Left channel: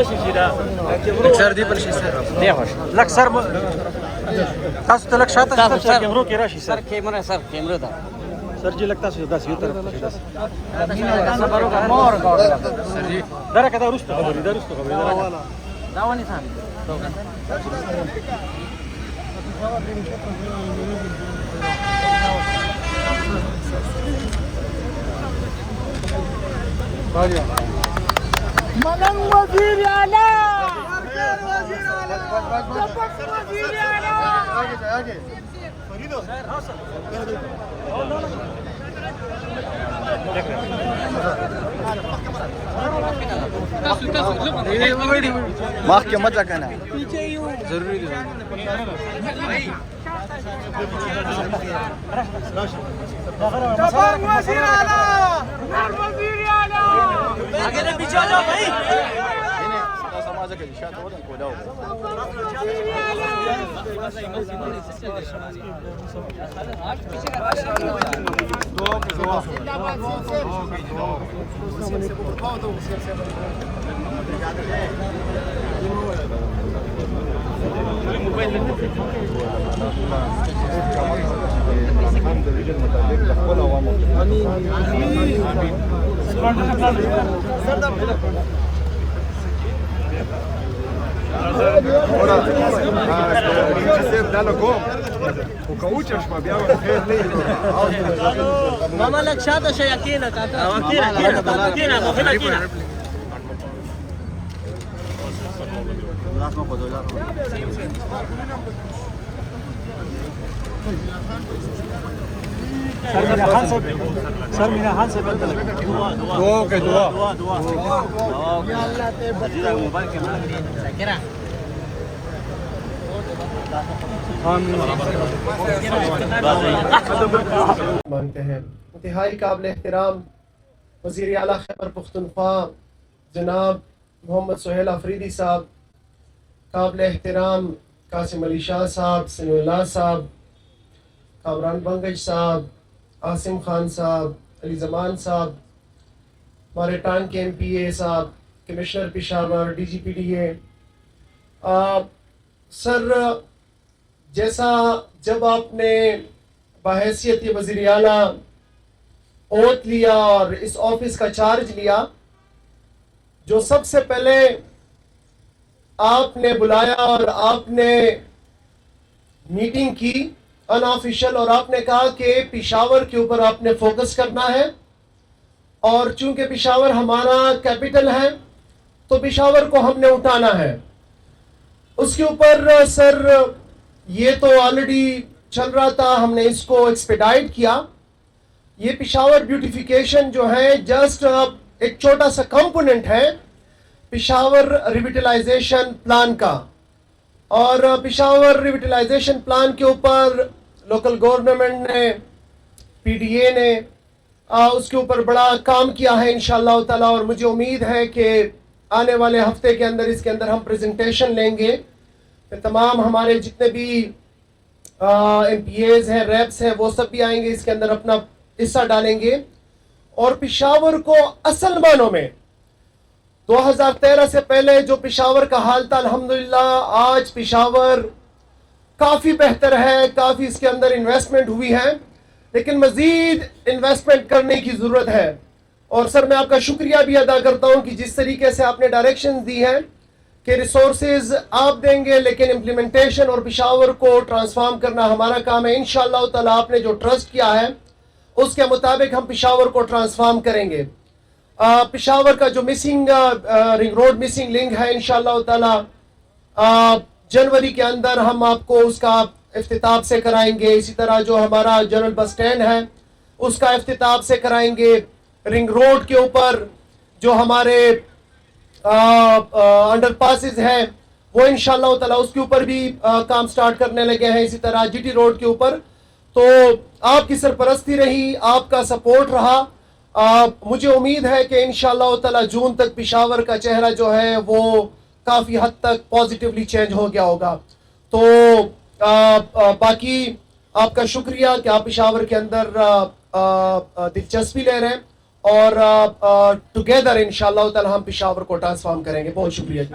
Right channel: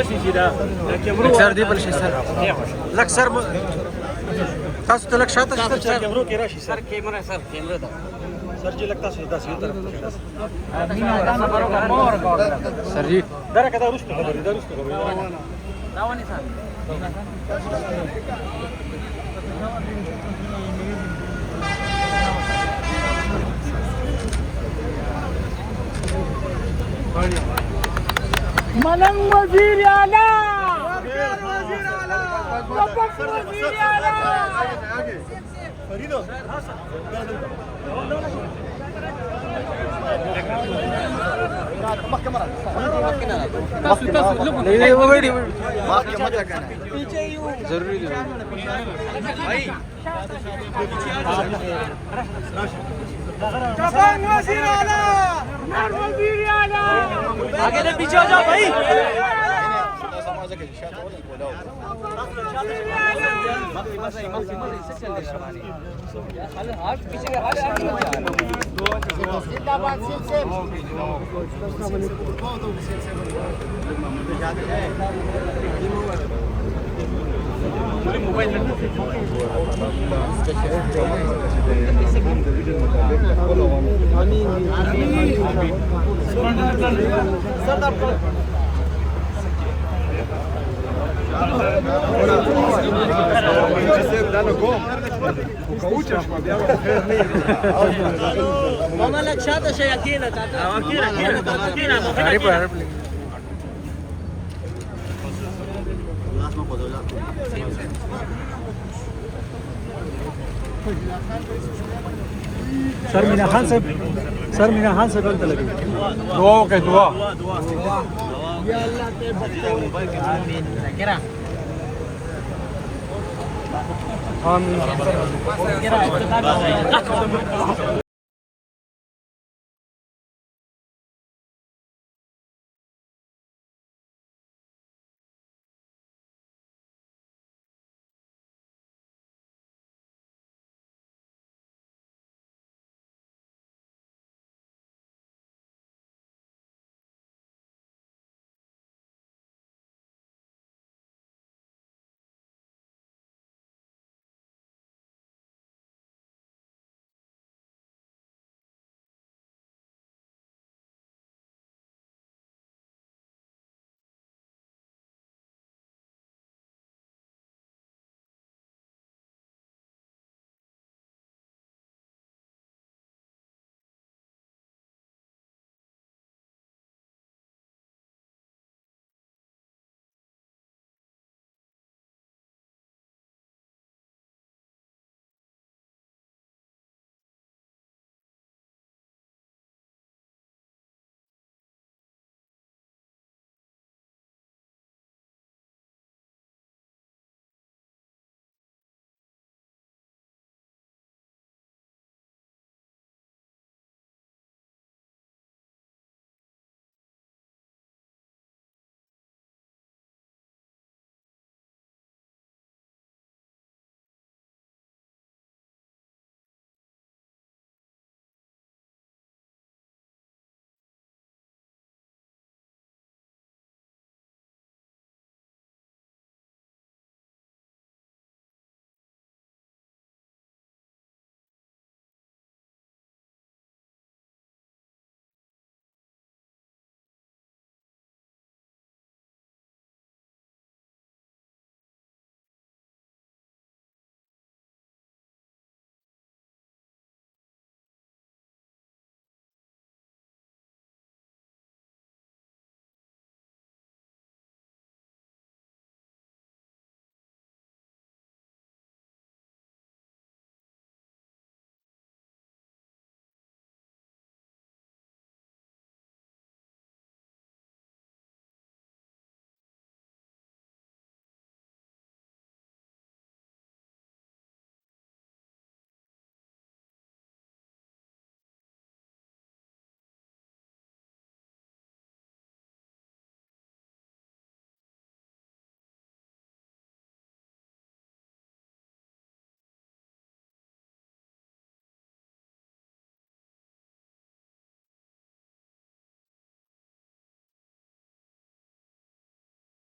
لك سر دی بل شي سر لك سر تاسو ته لك شاته سر کیمرو کې راشي سر کیمرا ده سر جی لگتا سو داس یو طرف سر جی درا کدا رستو روانه سر ملنگ وزیر اعلی وزیر اعلی وزیر اعلی آگے فریدو ضروری دبنگ وزیر اعلی نر وزیر اعلی آگے نہ پیچھے ہو جاؤ بھائی dano gol. Ukaučaš ma bjava khair ne. Mama lek shata shayakina ta. سر میرا ہاتھ سے غلط لگا دعا کہ دعا یا اللہ تے بخیر مانگتے ہیں انتہائی قابل احترام وزیر اعلیٰ خیبر پختونخوا جناب محمد سہیل آفریدی صاحب، قابل احترام قاسم علی شاہ صاحب، سمیع اللہ صاحب، کامران بنگج صاحب، عاصم خان صاحب، علی زمان صاحب، ہمارے ٹانگ کے ایم پی اے صاحب، commissioner Peshawar, D G P D A, sir جیسا جب آپ نے بحیثیت وزیر اعلیٰ اوت لیا اور اس آفس کا چارج لیا، جو سب سے پہلے آپ نے بلایا اور آپ نے میٹنگ کی ان آفیشل، اور آپ نے کہا کہ پشاور کے اوپر آپ نے فوکس کرنا ہے، اور چونکہ پشاور ہمارا کیپٹل ہے تو پشاور کو ہم نے اٹھانا ہے۔ اس کے اوپر سر یہ تو آلریڈی چل رہا تھا، ہم نے اس کو ایکسپیڈائٹ کیا۔ یہ پشاور بیوٹیفیکیشن جو ہے جسٹ ایک چھوٹا سا کمپوننٹ ہے پشاور ریویٹلائزیشن پلان کا، اور پشاور ریویٹلائزیشن پلان کے اوپر لوکل گورنمنٹ نے، پی ڈی اے نے اس کے اوپر بڑا کام کیا ہے انشاءاللہ تعالی، اور مجھے امید ہے کہ آنے والے ہفتے کے اندر اس کے اندر ہم پریزنٹیشن لیں گے، تمام ہمارے جتنے بھی ایم پی ایز ہیں، ریپس ہیں، وہ سب بھی آئیں گے، اس کے اندر اپنا حصہ ڈالیں گے، اور پشاور کو اصل معنوں میں 2013 سے پہلے جو پشاور کا حال تھا، الحمدللہ آج پشاور کافی بہتر ہے، کافی اس کے اندر انویسٹمنٹ ہوئی ہے، لیکن مزید انویسٹمنٹ کرنے کی ضرورت ہے۔ اور سر میں آپ کا شکریہ بھی ادا کرتا ہوں کہ جس طریقے سے آپ نے ڈائریکشنز دی ہیں کہ ریسورسز آپ دیں گے لیکن امپلیمنٹیشن اور پشاور کو ٹرانسفارم کرنا ہمارا کام ہے۔ انشاءاللہ تعالی آپ نے جو ٹرسٹ کیا ہے اس کے مطابق ہم پشاور کو ٹرانسفارم کریں گے۔ پشاور کا جو missing ring road missing link ہے، انشاءاللہ تعالی جنوری کے اندر ہم آپ کو اس کا افتتاح سے کرائیں گے۔ اسی طرح جو ہمارا جنرل بس سٹینڈ ہے اس کا افتتاح سے کرائیں گے۔ رنگ روڈ کے اوپر جو ہمارے انڈر پاسز ہیں وہ انشاءاللہ تعالی اس کے اوپر بھی کام سٹارٹ کرنے لگے ہیں۔ اسی طرح جی ٹی روڈ کے اوپر تو آپ کی سرپرستی رہی، آپ کا سپورٹ رہا، مجھے امید ہے کہ انشاءاللہ تعالی جون تک پشاور کا چہرہ جو ہے وہ کافی حد تک پازیٹیولی چینج ہو گیا ہوگا۔ تو باقی آپ کا شکریہ کہ آپ پشاور کے اندر دلچسپی لے رہے ہیں، اور ٹوگیدر انشاءاللہ تعالی ہم پشاور کو ٹرانسفارم کریں گے. بہت شکریہ جی.